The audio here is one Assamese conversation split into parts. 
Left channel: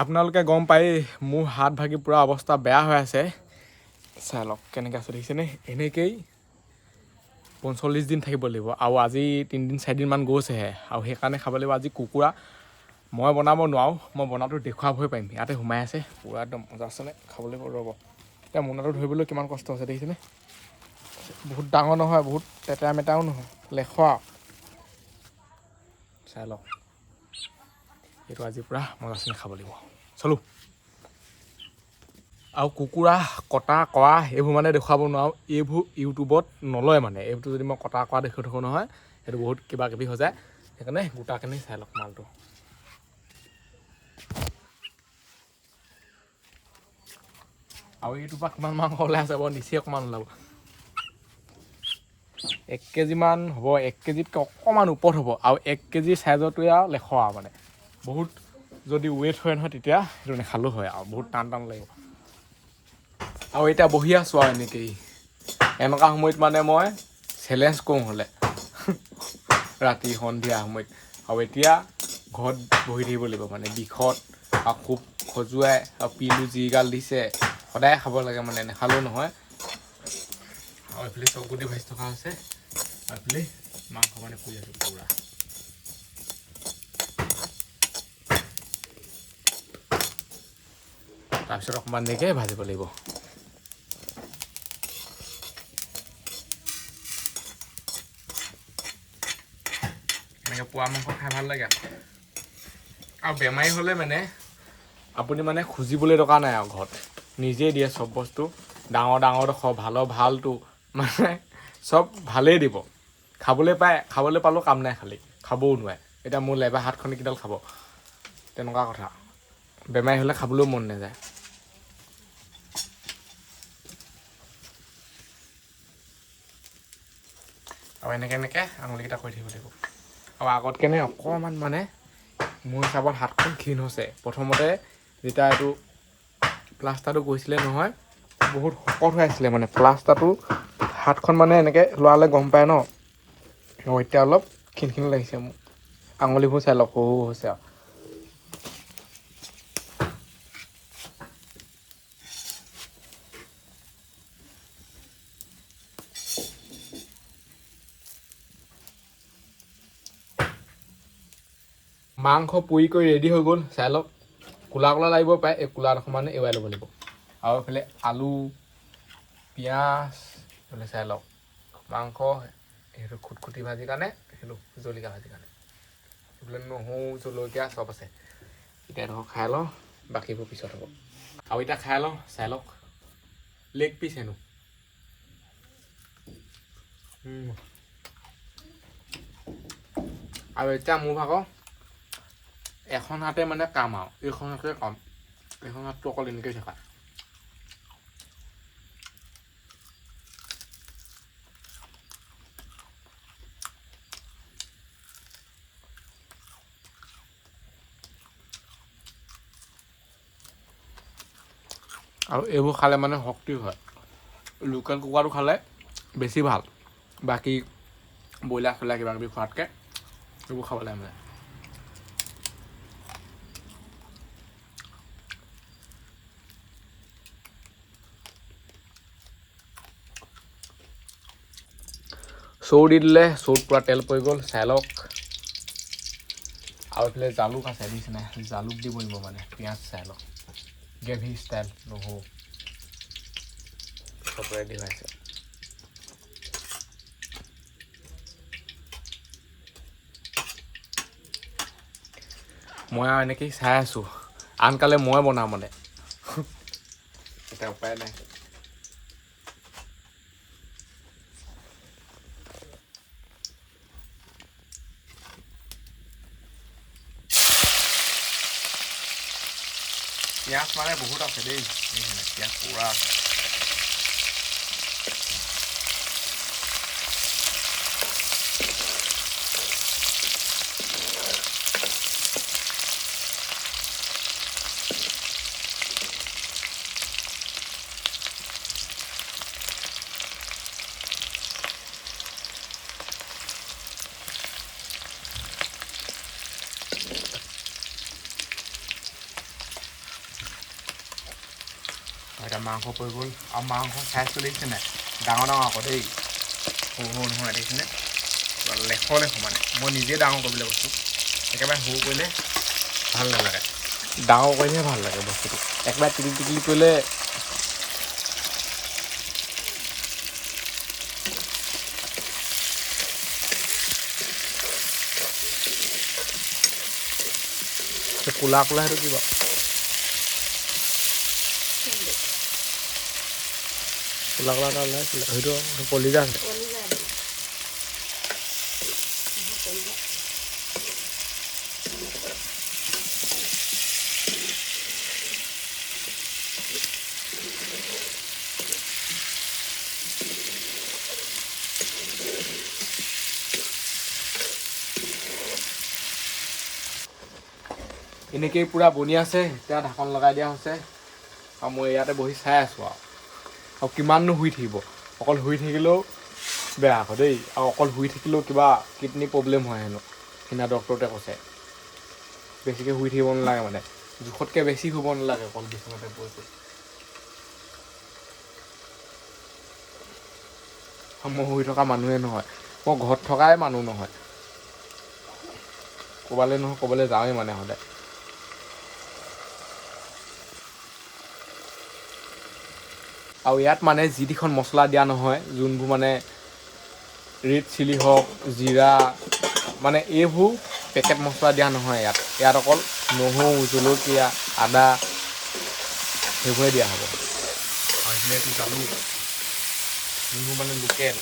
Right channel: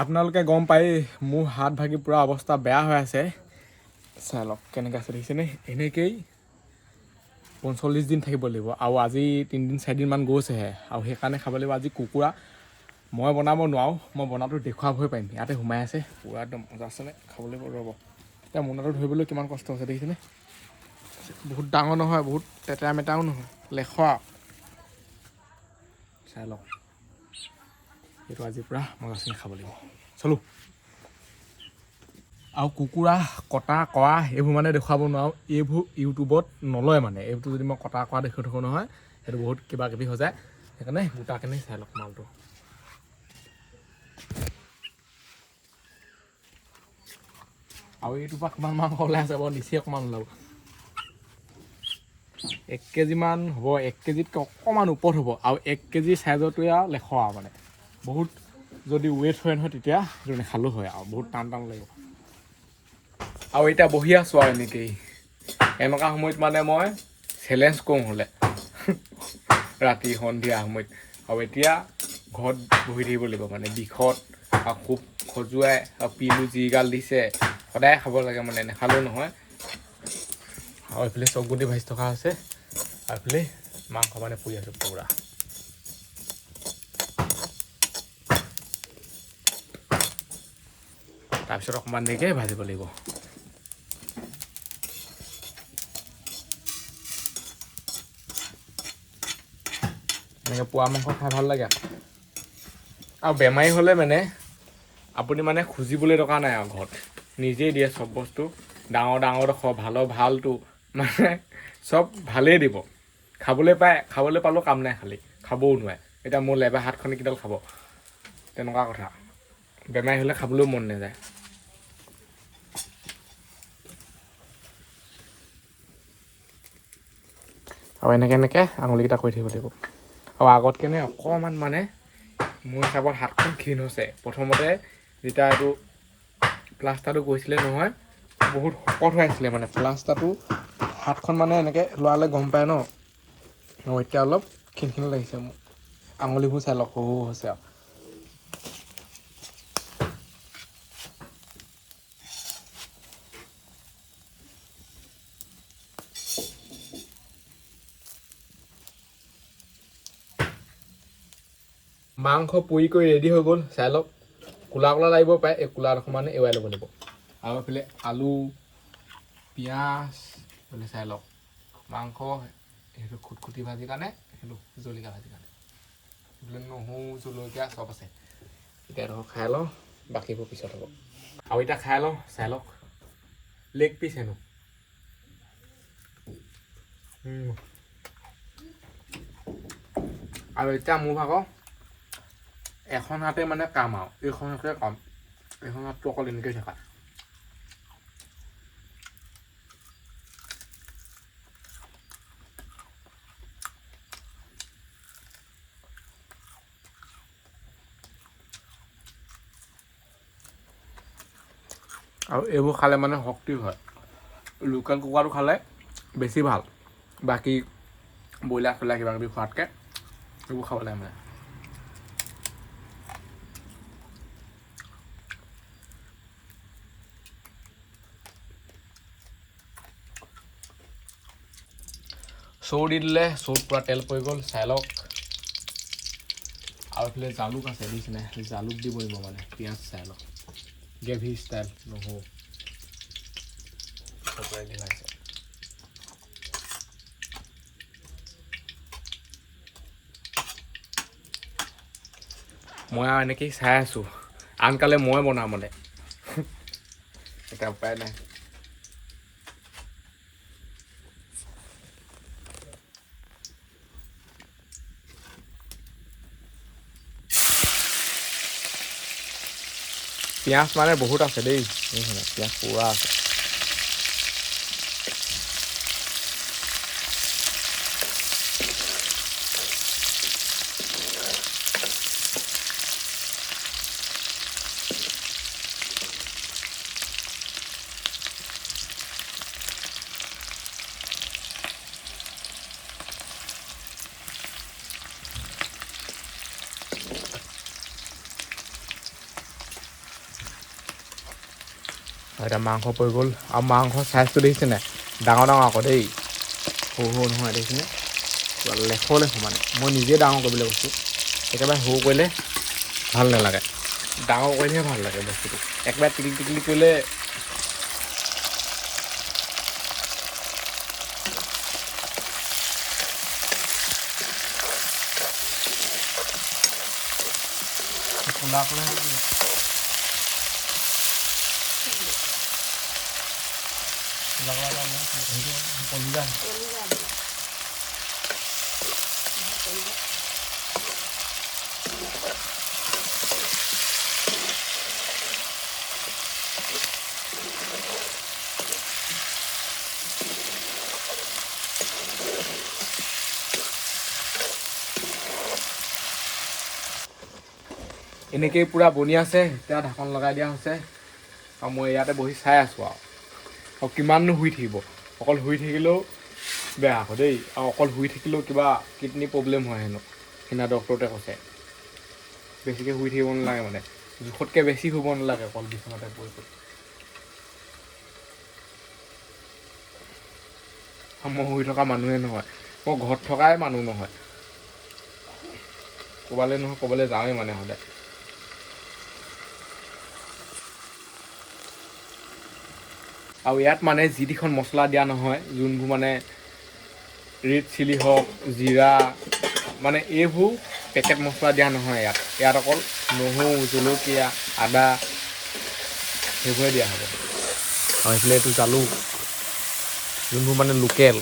আপোনালোকে গম পাই মোৰ হাত ভাগি পুৰা অৱস্থা বেয়া হৈ আছে চাই লওক কেনেকৈ আছে দেখিছেনে এনেকেই 45 দিন থাকিব লাগিব আৰু আজি 3 দিন 4 দিনমান গৈছেহে আৰু সেইকাৰণে খাব লাগিব আজি কুকুৰা মই বনাব নোৱাৰোঁ মই বনাটো দেখুৱাবহে পাৰিম ইয়াতে সোমাই আছে পুৰা একদম মজা আছেনে খাবলৈ ৰ'ব এতিয়া মোনাটো ধৰিবলৈ কিমান কষ্ট হৈছে দেখিছেনে বহুত ডাঙৰ নহয় বহুত লেতেৰা মেতেৰাও নহয় লেখোৱা চাই লওক এইটো আজি পূৰা মজাচিনি খাব লাগিব চলো আৰু কুকুৰা কটা কৰা এইবোৰ মানে দেখুৱাব নোৱাৰোঁ এইবোৰ ইউটিউবত নলয় মানে এইবোৰ যদি মই কটা কৰা দেখুৱাই থাকোঁ নহয় সেইটো বহুত কিবা কিবি হৈ যায় সেইকাৰণে গোটাখিনি চাই লওক মালটো আৰু এইটোৰ পৰা কিমান মাংস ওলাই আছে বাৰু নিচেই অকণমান ওলাব 1 কেজিমান হ'ব 1 কেজিতকৈ অকণমান ওপৰত হ'ব আৰু 1 কেজি চাইজৰটোৱে আৰু লেখোৱা মানে বহুত যদি ৱেইট হয় নহয় তেতিয়া সেইটো নেখালেও হয় আৰু বহুত টান লাগিব আৰু এতিয়া বহি আছোঁ আৰু এনেকেই এনেকুৱা সময়ত মানে মই চেলেঞ্জ কৰোঁ হ'লে ৰাতি সন্ধিয়া সময়ত আৰু এতিয়া ঘৰত বহি থাকিব লাগিব মানে বিষত আৰু খুব খজুৱাই আৰু পিলো যিগাল দিছে সদায় খাব লাগে মানে নেখালেও নহয় আৰু এইফালে চকগুটি ভাজি থকা হৈছে আৰু এইফালে মাংস মানে পুৰি আছোঁ পুৰা তাৰপিছত অকণমান দেৰিকৈ ভাজিব লাগিব এনেকৈ পোৱা মাংস খাই ভাল লাগে আৰু বেমাৰী হ'লে মানে আপুনি মানে খুজিবলৈ দৰকাৰ নাই আৰু ঘৰত নিজেই দিয়ে চব বস্তু ডাঙৰ ডোখৰ ভালটো মানে চব ভালেই দিব খাবলৈ পালেও কাম নাই খালি খাবও নোৱাৰে এতিয়া মোৰ লেবা হাতখনে কিডাল খাব তেনেকুৱা কথা বেমাৰী হ'লে খাবলৈও মন নাযায় আৰু এনেকৈ আঙুলিকেইটা কৰি থাকিব লাগিব আৰু আগতকেনে অকণমান মানে মোৰ হিচাপত হাতখন ক্ষীণ হৈছে প্ৰথমতে যেতিয়া এইটো প্লাষ্টাৰটো গৈছিলে নহয় বহুত শকত হৈ আছিলে মানে প্লাষ্টাৰটো হাতখন মানে এনেকৈ লৰালে গম পায় ন এতিয়া অলপ ক্ষীণ লাগিছে মোক আঙুলিবোৰ চাই লওক সৰু হৈছে আৰু মাংস পুৰি কৰি ৰেডি হৈ গ'ল চাই লওক কোলা লাগিব পাৰে এই কোলাডোখৰ মানে এৰুৱাই ল'ব লাগিব আৰু এইফালে আলু পিঁয়াজ মানে চাই লওক মাংস সেইটো খুটখুটি ভাজিৰ কাৰণে সেইটো জলকীয়া ভাজিৰ কাৰণে এইফালে নহৰু জলকীয়া চব আছে এতিয়া এডোখৰ খাই লওঁ বাকীবোৰ পিছত হ'ব আৰু এতিয়া খাই লওঁ চাই লওক লেগ পিচ হেনো আৰু এতিয়া মোৰ ভাগৰ এখন হাতে মানে কাম আৰু এইখন হাতে কাম এইখন হাতটো অকল এনেকৈ থকা আৰু এইবোৰ খালে মানে শক্তি হয় লোকেল কুকুৰাটো খালে বেছি ভাল বাকী ব্ৰইলাৰ চইলাৰ কিবা কিবি খোৱাতকৈ এইবোৰ খাব লাগে মানে চৌ দি দিলে চৌত পূৰা তেল পৰি গ'ল চাই লওক আৰু এইফালে জালুক আছে দিছেনে জালুক দিব লাগিব মানে পিঁয়াজ চাই লওক গ্ৰেভি ষ্টাইল নহৰু চব ৰেডি হৈ আছে মই আৰু এনেকেই চাই আছোঁ আনকালে মই বনাওঁ মানে এতিয়া উপায় নাই পিঁয়াজ মানে বহুত আছে দেই পিঁয়াজ পুৰা আছে এটা মাংস পৰি গ'ল আৰু মাংস চাইজটো দেখিছে নাই ডাঙৰ ডাঙৰ আকৌ দেই সৰু সৰু নহয় দেখিছেনে লেখ মানে মই নিজে ডাঙৰ কৰিবলৈ কৈছোঁ একেবাৰে সৰু কৰিলে ভাল নালাগে ডাঙৰ কৰিলেহে ভাল লাগে বস্তুটো একেবাৰে টিকলি টিকলি কৰিলে কোলা কোলা সেইটো কিবা কোলা কোলা সেইটো কলিজা এনেকেই পূৰা বনি আছে এতিয়া ঢাকন লগাই দিয়া হৈছে আৰু মই ইয়াতে বহি চাই আছোঁ আৰু কিমাননো শুই থাকিব অকল শুই থাকিলেও বেয়া আকৌ দেই আৰু অকল শুই থাকিলেও কিবা কিডনী প্ৰব্লেম হয় হেনো সেইদিনা ডক্টৰতে কৈছে বেছিকৈ শুই থাকিব নালাগে মানে জোখতকৈ বেছি শুব নালাগে অকল বিচনাতে পৰি মই শুই থকা মানুহে নহয় মই ঘৰত থকাই মানুহ নহয় ক'ৰবালৈ যাওঁৱেই মানে সদায় আৰু ইয়াত মানে যি টিখন মছলা দিয়া নহয় যোনবোৰ মানে ৰেড চিলি হওক জিৰা মানে এইবোৰ পেকেট মছলা দিয়া নহয় ইয়াত অকল নহৰু জলকীয়া আদা সেইবোৰে দিয়া হ'ব আৰু এইফালে এইটো জালুক যোনবোৰ মানে লোকেল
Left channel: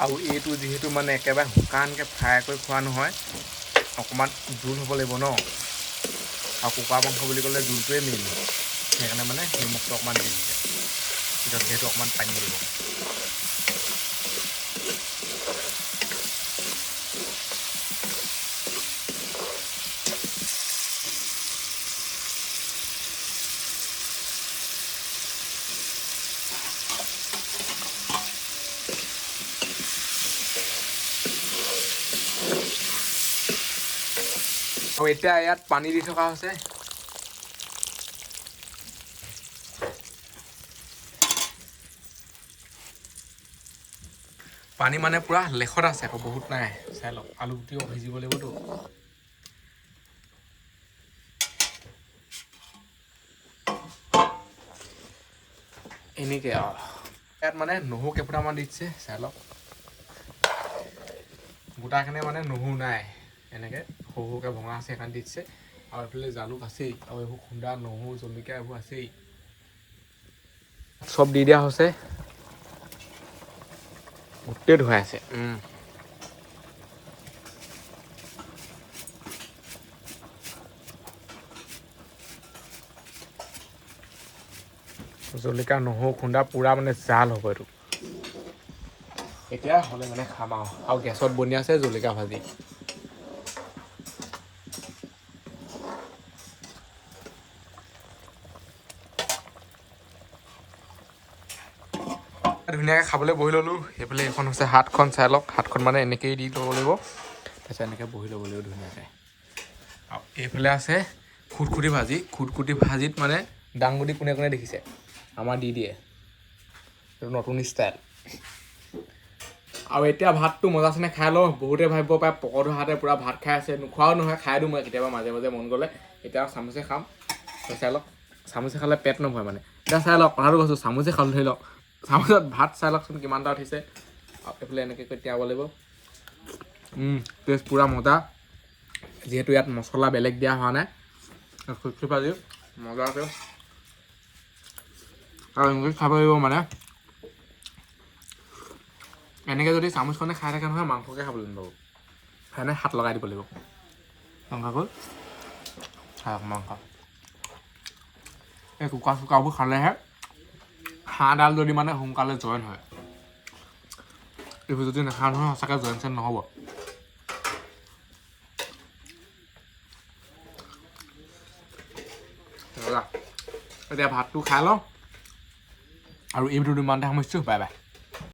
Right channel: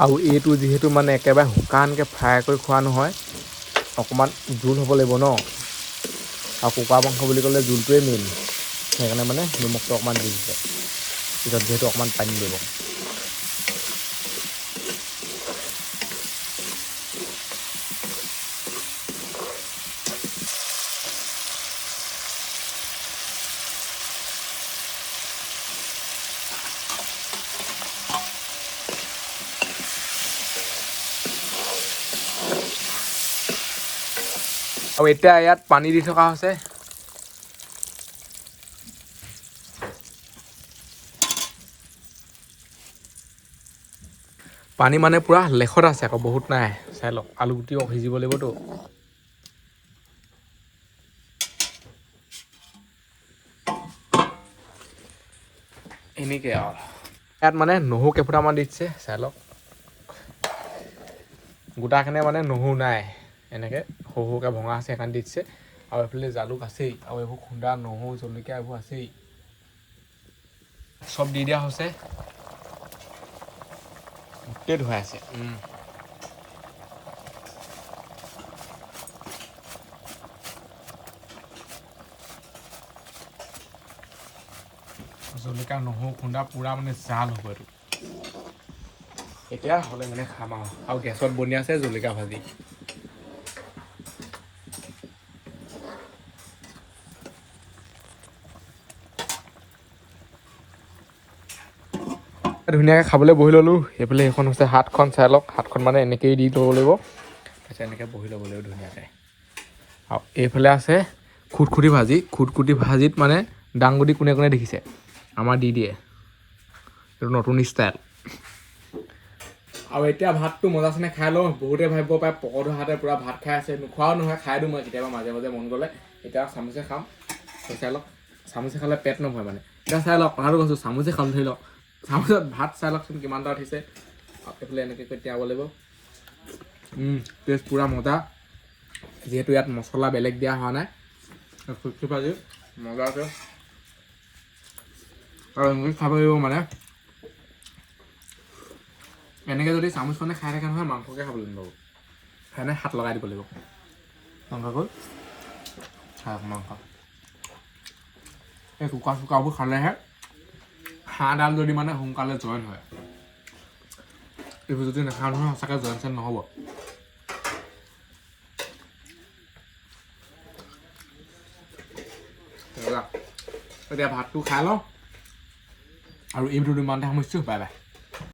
আৰু এইটো যিহেতু মানে একেবাৰে শুকানকৈ ফ্ৰাই কৰি খোৱা নহয় অকণমান জোল হ'ব লাগিব ন আৰু কুকুৰা মাংস বুলি ক'লে জোলটোৱে মেইন সেইকাৰণে মানে নিমখটো অকণমান দি দিছে পিছত যিহেতু অকণমান পানী দিব আৰু এতিয়া ইয়াত পানী দি থকা হৈছে পানী মানে পূৰা লেখত আছে আকৌ বহুত নাই চাই লওক আলু গুটিও সিজিব লাগিবতো এনেকৈ আৰু ইয়াত মানে নহৰু কেইফুটামান দি দিছে চাই লওক গোটাখিনি মানে নহৰু নাই এনেকৈ সৰু সৰুকৈ ভঙা আছে সেইকাৰণে দি দিছে আৰু এইফালে জালুক আছেই আৰু এইবোৰ খুন্দা নহৰু জলকীয়া এইবোৰ আছেই চব দি দিয়া হৈছে গোটেই ধুৱাইছে জলকীয়া নহৰু খুন্দা পূৰা মানে জাল হ'ব এইটো এতিয়া হ'লে মানে খাম আৰু গেছত বনি আছে জলকীয়া ভাজি ধুনীয়াকৈ খাবলৈ বহি ল'লোঁ সেইফালে সেইখন হৈছে হাতখন চাই লওক হাতখন মানে এনেকৈয়ে দি ল'ব লাগিব তাৰপিছত এনেকৈ বহি ল'ব লাগিব ধুনীয়াকৈ আৰু এইফালে আছে খুটখুটি ভাজিত মানে দাংবডি কোনে কোনে দেখিছে আমাৰ দি দিয়ে এইটো নতুন ষ্টাইল আৰু এতিয়া ভাতটো মজা চেনে খাই লওঁ বহুতে ভাবিব পাৰে পকৰটো হাতে পূৰা ভাত খাই আছে নোখোৱাও নহয় খাই দিওঁ মই কেতিয়াবা মাজে মাজে মন গ'লে এতিয়া চামুচে খাম চাই লওক চামুচে খালে পেট নভৰে মানে এতিয়া চাই লওক কথাটো কৈছোঁ চামুচে খালোঁ ধৰি লওক চামুচত ভাত চাই লওকচোন কিমানটা উঠিছে এইফালে এনেকৈ তিয়াব লাগিব টেষ্ট পূৰা মজা যিহেতু ইয়াত মছলা বেলেগ দিয়া হোৱা নাই খুচি ভাজি মজা আছে আৰু এনেকৈ খাব লাগিব মানে এনেকৈ যদি চামুচখনে খাই থাকে নহয় মাংসকে খাবলৈ নাপাব সেইকাৰণে হাত লগাই দিব লাগিব মাংসকৈ হাঁহ মাংস এই কুকাৰবোৰ খালেহে হাঁহডাল যদি মানে সোনকালে জইন হয় এইবোৰ যদি নাখাওঁ নহয় সঁচাকৈ জইন চেন নহ'ব এতিয়া ভাতটো খাই লওঁ আৰু এই ভিডিঅ'টো ইমানতে সামৰিছোঁ বাই বাই